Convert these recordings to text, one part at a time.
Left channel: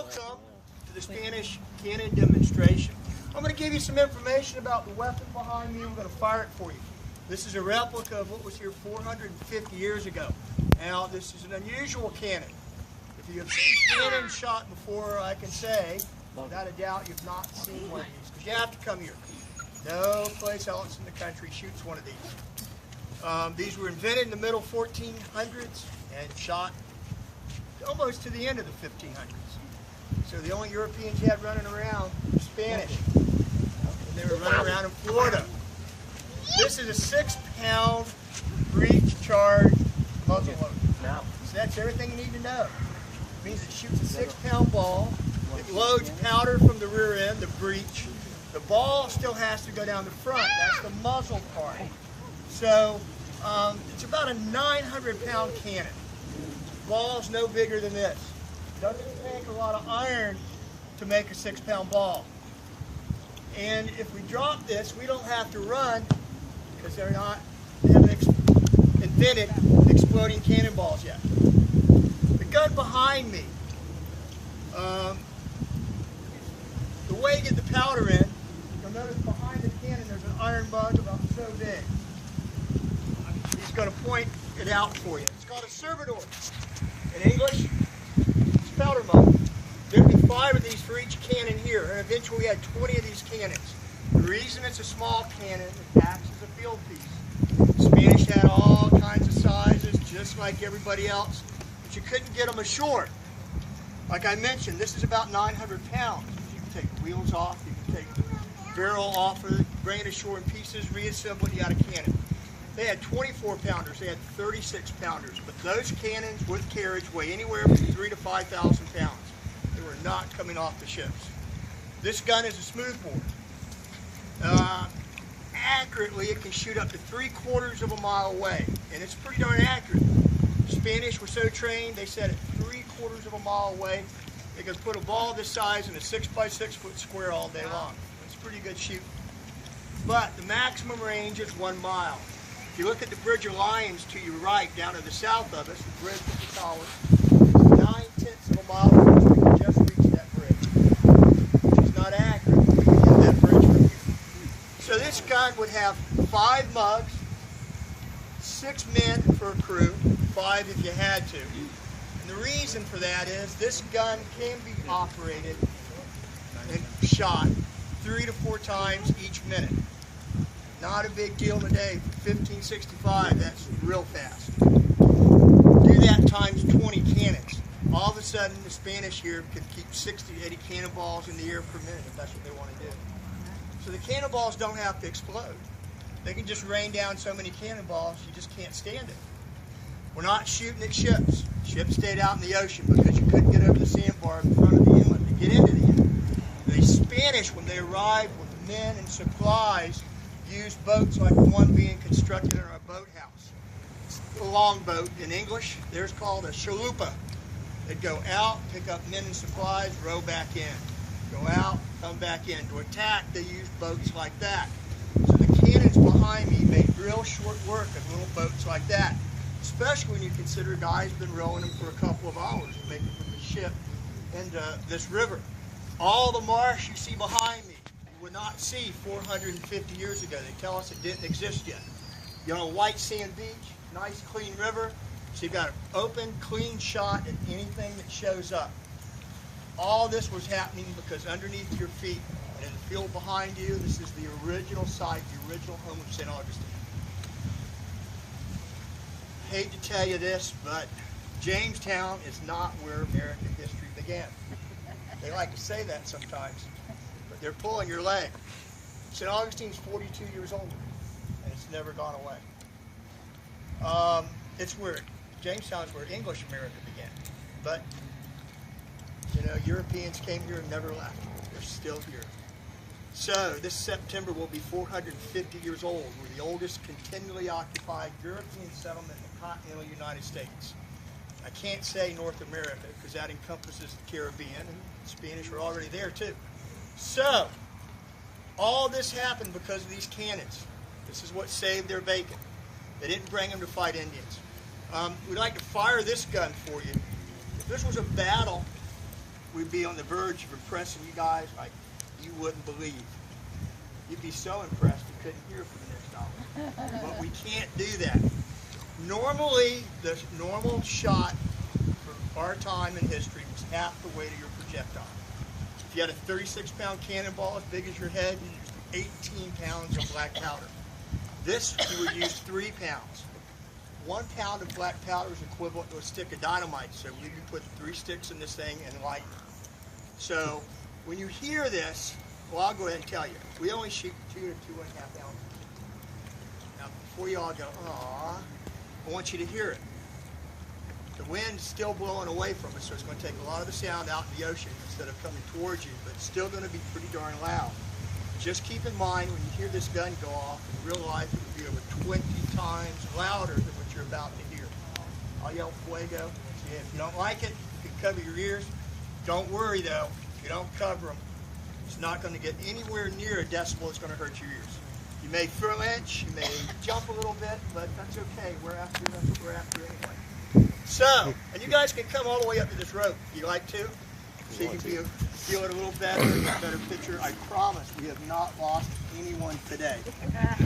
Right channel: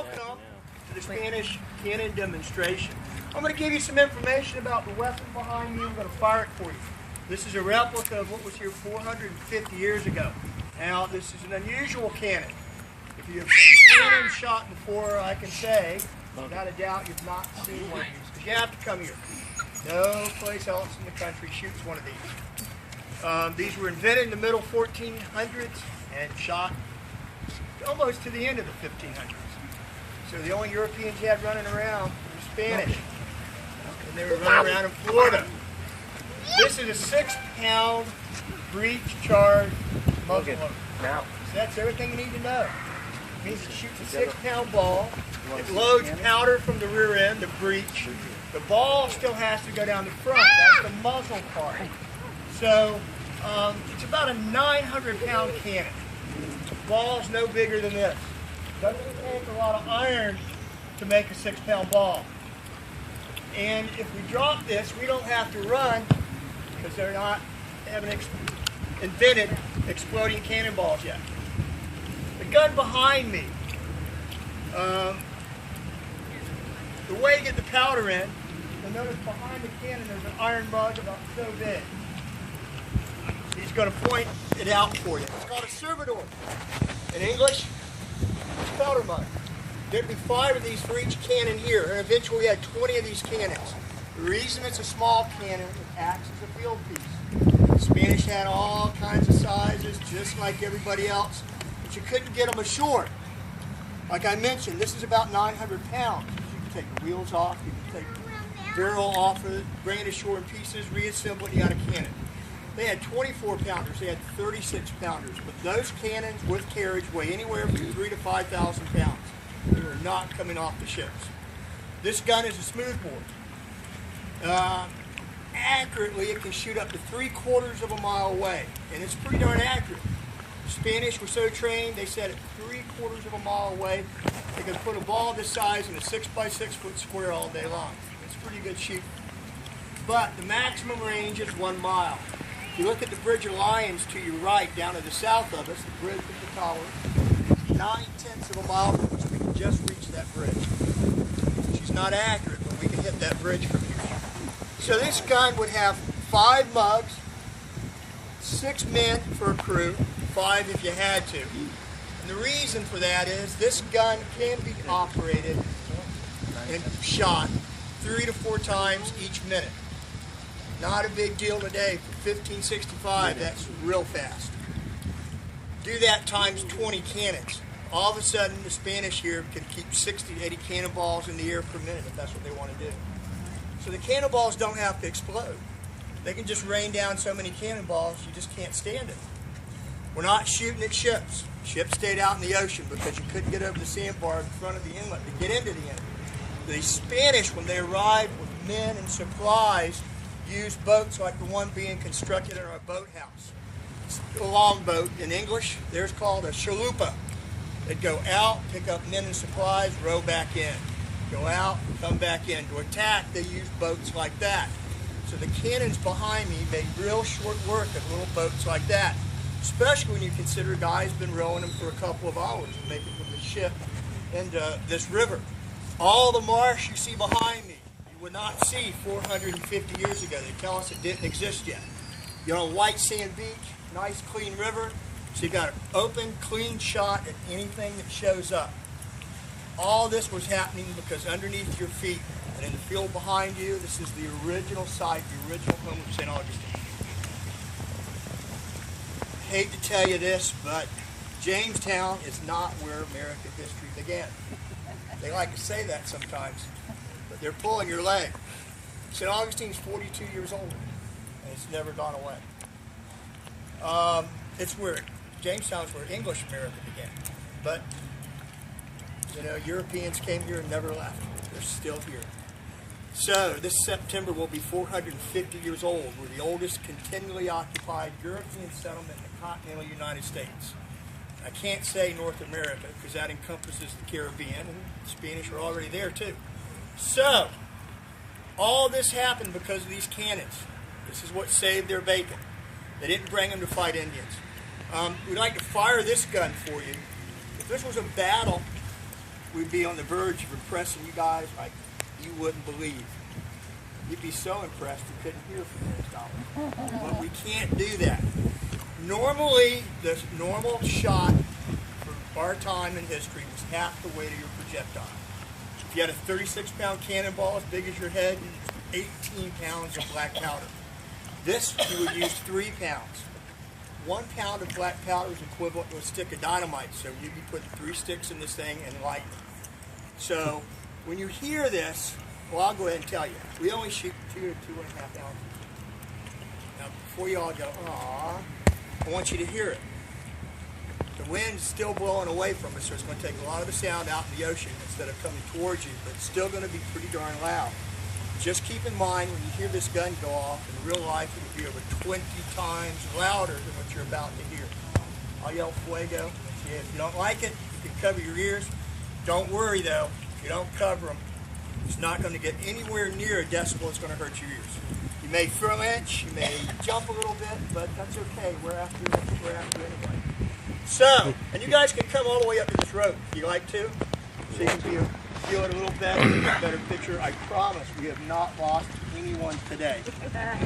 Welcome to the Spanish cannon demonstration. I'm going to give you some information about the weapon behind me. We're going to fire it for you. This is a replica of what was here 450 years ago. Now, this is an unusual cannon. If you have seen cannons shot before, I can say, without a doubt, you've not seen one of these, because you have to come here. No place else in the country shoots one of these. These were invented in the middle 1400s and shot almost to the end of the 1500s. So the only Europeans you had running around were Spanish. And they were running around in Florida. This is a 6-pound breech charged muzzle loader. So that's everything you need to know. It means it shoots a 6-pound ball. It loads powder from the rear end, the breech. The ball still has to go down the front. That's the muzzle part. So it's about a 900-pound cannon. The ball's no bigger than this. Doesn't take a lot of iron to make a 6-pound ball. And if we drop this, we don't have to run because they haven't invented exploding cannonballs yet. The gun behind me, the way you get the powder in, you'll notice behind the cannon there's an iron mug about so big. He's going to point it out for you. It's called a servidor. In English, it's a powder mug. There'd be 5 of these for each cannon here, and eventually we had 20 of these cannons. The reason it's a small cannon, it acts as a field piece. The Spanish had all kinds of sizes, just like everybody else, but you couldn't get them ashore. Like I mentioned, this is about 900 pounds. You can take the wheels off, you can take the barrel off of it, bring it ashore in pieces, reassemble it, you got a cannon. They had 24 pounders, they had 36 pounders, but those cannons with carriage weigh anywhere from 3,000 to 5,000 pounds. They were not coming off the ships. This gun is a smoothbore. Accurately, it can shoot up to 3/4 of a mile away, and it's pretty darn accurate. The Spanish were so trained, they said at 3/4 of a mile away, they could put a ball this size in a 6x6 foot square all day long. It's pretty good shooting. But the maximum range is 1 mile. If you look at the Bridge of Lions to your right, down to the south of us, the bridge with the tower, it's 9/10 of a mile from us. We can just reach that bridge, which is not accurate. We can hit that bridge from here. So this gun would have 5 mugs, 6 men for a crew, 5 if you had to. And the reason for that is this gun can be operated and shot 3 to 4 times each minute. Not a big deal today. For 1565, that's real fast. Do that times 20 cannons. All of a sudden, the Spanish here can keep 60 to 80 cannonballs in the air per minute if that's what they want to do. So the cannonballs don't have to explode. They can just rain down so many cannonballs, you just can't stand it. We're not shooting at ships. Ships stayed out in the ocean because you couldn't get over the sandbar in front of the inlet to get into the inlet. The Spanish, when they arrived with men and supplies, used boats like the one being constructed in our boathouse. It's a longboat. In English, there's called a chalupa. They'd go out, pick up men and supplies, row back in. Go out, come back in. To attack, they used boats like that. So the cannons behind me make real short work of little boats like that, especially when you consider a guy's been rowing them for a couple of hours to make it from the ship into this river. All the marsh you see behind me, you would not see 450 years ago. They tell us it didn't exist yet. You're on a white sand beach, nice clean river, so you've got an open, clean shot at anything that shows up. All this was happening because underneath your feet and in the field behind you, this is the original site, the original home of St. Augustine. I hate to tell you this, but Jamestown is not where American history began. They like to say that sometimes, but they're pulling your leg. St. Augustine's 42 years old, and it's never gone away. Jamestown's where English America began, but you know, Europeans came here and never left. They're still here. So this September will be 450 years old. We're the oldest continually occupied European settlement in the continental United States. I can't say North America because that encompasses the Caribbean, and the Spanish were already there too. So all this happened because of these cannons. This is what saved their bacon. They didn't bring them to fight Indians. We'd like to fire this gun for you. If this was a battle we'd be on the verge of impressing you guys like you wouldn't believe. You'd be so impressed you couldn't hear from this dollar. But we can't do that. Normally, the normal shot for our time in history was half the weight of your projectile. If you had a 36-pound cannonball as big as your head, you used 18 pounds of black powder. This, you would use 3 pounds. 1 pound of black powder is equivalent to a stick of dynamite, so we'd be putting 3 sticks in this thing and lighting it. So, when you hear this, well, I'll go ahead and tell you, we only shoot 2 to 2.5 ounces. Now, before you all go, "Aw," I want you to hear it. The wind's still blowing away from us, so it's going to take a lot of the sound out in the ocean instead of coming towards you, but it's still going to be pretty darn loud. Just keep in mind when you hear this gun go off, in real life it would be over 20 times louder than what you're about to hear. I'll yell fuego. See, if you don't like it, you can cover your ears. Don't worry though, if you don't cover them, it's not going to get anywhere near a decibel that's going to hurt your ears. You may flinch, you may jump a little bit, but that's okay. That's what we're after anyway. So, and you guys can come all the way up to this rope if you like to, so you can feel it a little better, get a better picture. I promise we have not lost anyone today.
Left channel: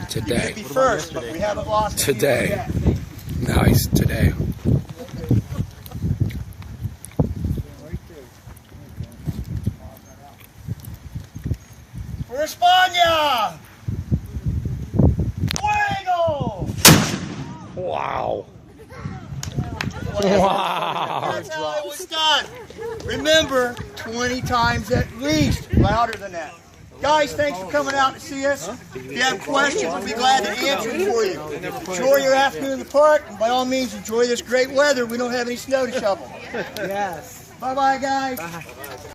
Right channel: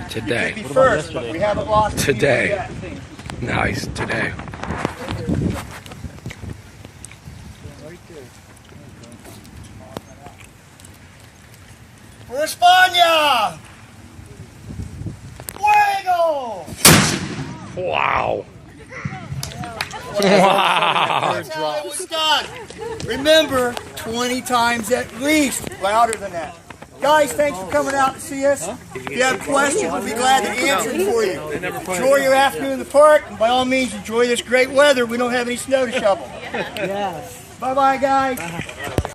Today. You may be first, but we haven't lost Today. anyone yet. Nice. Today. For España! Fuego! Wow. Wow. That's how it was done. Remember, 20 times at least, louder than that. Guys, thanks for coming out to see us. If you have questions, we'll be glad to answer them for you. Enjoy your afternoon in the park, and by all means, enjoy this great weather. We don't have any snow to shovel. Yes. Bye-bye, guys.